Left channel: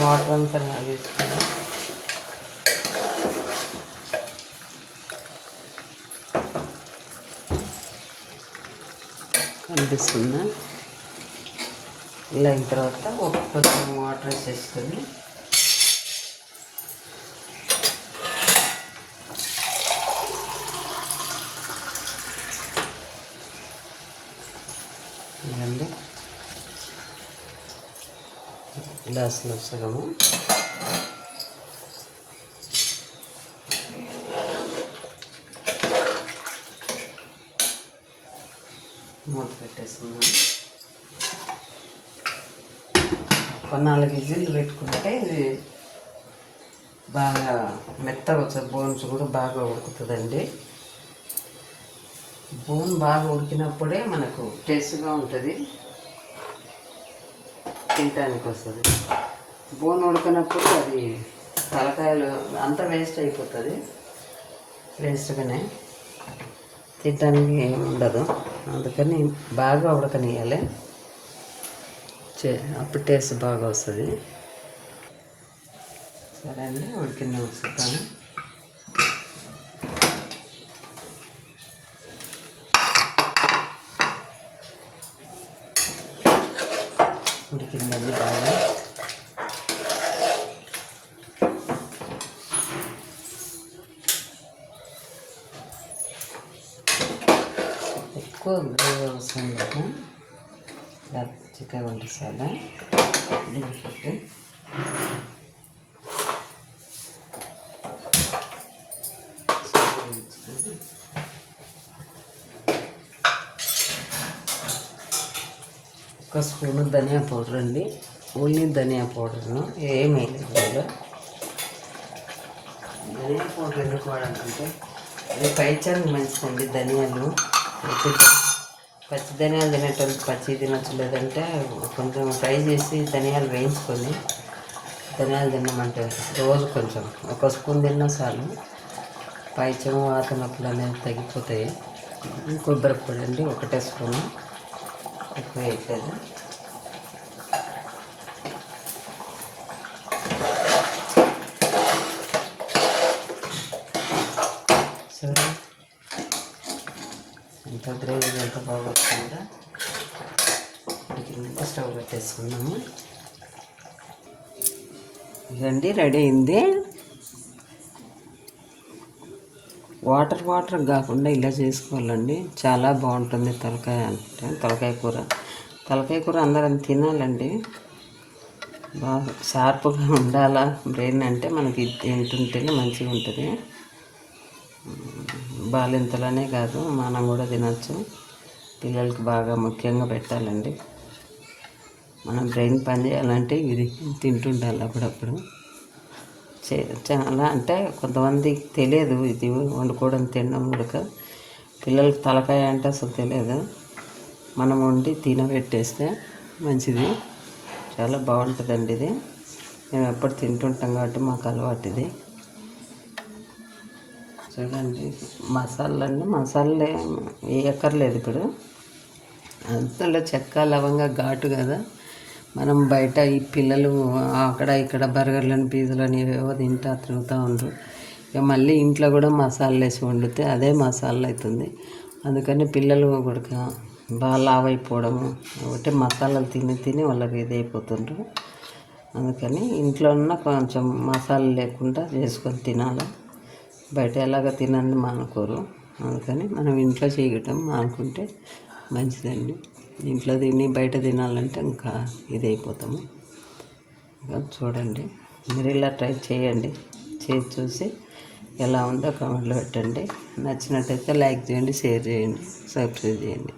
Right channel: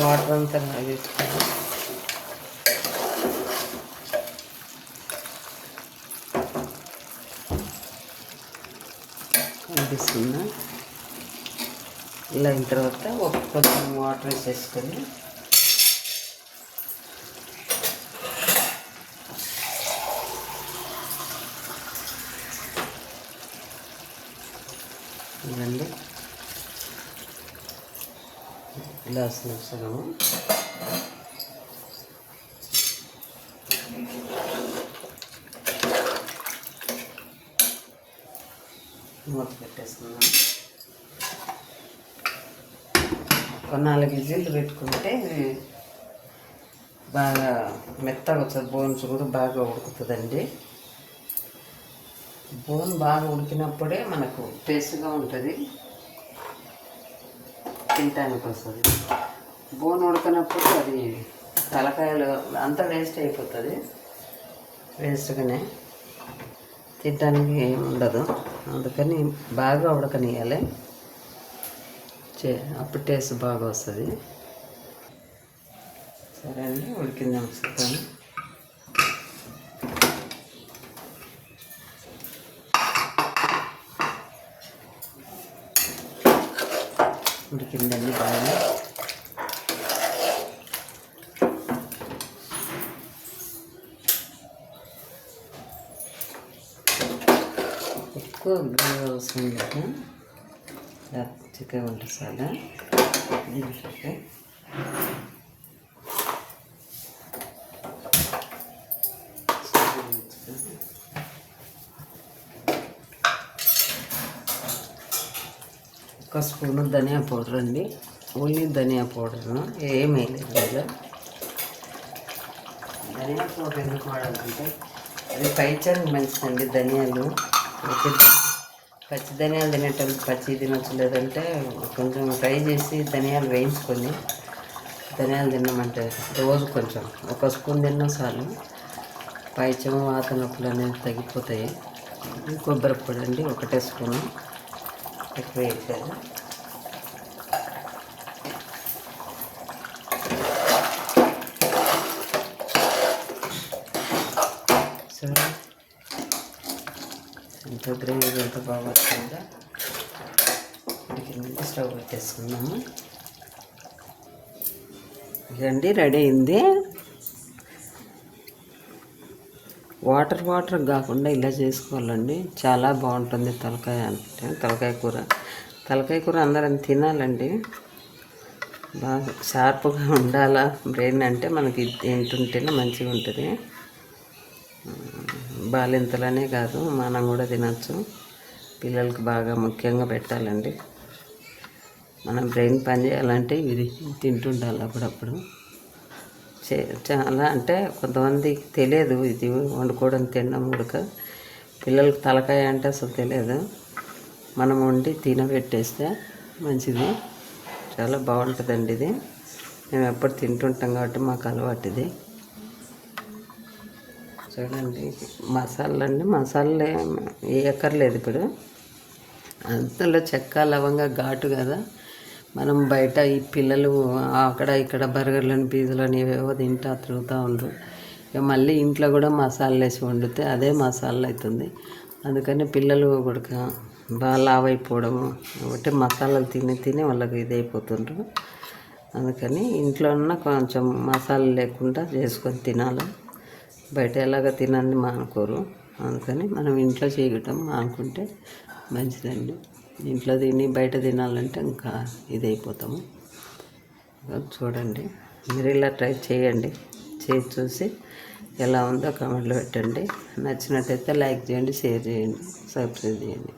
Water అంతా వేసుకుని కనిపిస్తుందా? ఇలా అయిన తర్వాత కొంచెం వాటర్ వేసేసుకొని గ్లాసులు సగము మూత పెట్టేస్తున్నాము. ఒక 4 విజిల్లు పెట్టుకుంటే బాగా మెత్తగా వచ్చేది. బోన్స్ కూడా బాగా ఉడుకుతుందండి. బోన్ బాగా ఉడికినప్పుడే మనకు టేస్ట్గా ఉంటుంది, తినటానికి వస్తుంది. బోన్ ఉడకనప్పుడు అది తలకాయలు అంతా వేస్ట్ అయిపోతుంది. వేస్ట్గానే తినడానికి ఏమి ఉండదు. అందుకని బాగా ఉడకనియాలి, అప్పుడు టేస్ట్ బాగా వస్తుంది. సరే అండి, ఉడికింది చూస్తాను. ఉడికిందండి బాగా. ఎక్కువ గ్రేవీ అవసరం లేదు, చికెన్ వంటసాల దీనికి ఒక స్పూను ధనియా పౌడర్ అండి. ఓన్లీ ధనియా పౌడర్ను ఏమీ లేదు దీనిలో. ధనియా పౌడర్ ఎందుకు వాడాలంటే అది పైచానికి మంచిదండి. ధనియాలు పచ్చి ధనియాలు తినేటప్పుడు పచ్చి తినచ్చు, లేదంటే కొంచెం ఫ్రై చేసి ధనియాలు వేయించుకొని ధనియాలు తినమంటే రోజు కొంచెం ఒక స్పూన్ తిన్నా చాలు. పైచం వాత నొప్పులు అనేవి తగ్గిపోతాయి. కొబ్బరి పొడి అండి, 1 స్పూను, ఎక్కువ వేయట్లేదు. సరే, ఎంత గ్రేవీ ఎంత బాగా వస్తుందో. ఉడికిందంటే స్టవ్ పెట్టేసుకున్నాము. ఇదండి రెడీ అయింది. వాటర్ కాకుండా ఇలా చేసుకోవాలండి, చాలా బాగుంటుంది. తలకాయ అంటే తలకాయ కూర అందరం తినాలండి. బాగా షార్ప్గా ఉండాలా బ్రెయిన్ అంటే మనకి తింటుంటేనే మంచిగా ఉంటుంది. బాలింతలనే కాదు, మనం కూడా తినచ్చు. పిల్లలకి బాగా ముఖ్యంగా పెట్టాలండి. మన బ్రెయిన్ పని చేయాలంటే ఇది తింటుండాలి అప్పుడప్పుడు. చాలా అంటే కొంతమందికి తెలియదు ఇది వండుకోవడం, తినడం కూడా. పిల్లలకి తలకాయ అంటే అసలు తెలియదు. మనం వండి తినబెట్టేస్తే మంచిది, చాలా బాగుంటుందండి ఇది. మేము ఎప్పుడు తింటుంటాం కాబట్టి మాకు అలవాటు ఇది. చూడండి, మసాలా వేయక్కర్లేదు ఇప్పుడు. అంతలో చెక్క లవంగా ఘాటు కదా. మనం బయట ఈ పిల్లలు అక్కడ ఇక్కడ బర్గర్లను పిజ్జాలని ఏవేవో తింటా తిరుగుతూ ఉండరు. ఇక మళ్ళీ ఇంట్లో కూడా మసాలాలు వేసి వండితే అదే మసాలా అవుతుంది. అందుకని పిల్లలు కూడా బాగా లావు అయిపోవడము, ఒకటే మసాలాలు తిని వాళ్ళకి ఇది అయిపోతుండ్రు. అందుకని ఇంట్లో ఉన్న కొంచెం మసాలా లేకుండా చేసుకొని తినాలి. బయట ఎలాగ తినని మానుకోరు. అందుకని మనం ఇంట్లో చేయటం మానుకుంటే మంచిదండి. ఇంట్లో తిని బయట తినాలంటే ఇంకా ఇదైపోతాము. చూడండి, మీరు ఇలా ట్రై చేయండి. చూసి ఎలా ఉందో కామెంట్లో పెట్టండి. నచ్చినట్టయితే లైక్ చేయండి, షేర్ చేయండి, సబ్స్క్రైబ్ చేయండి.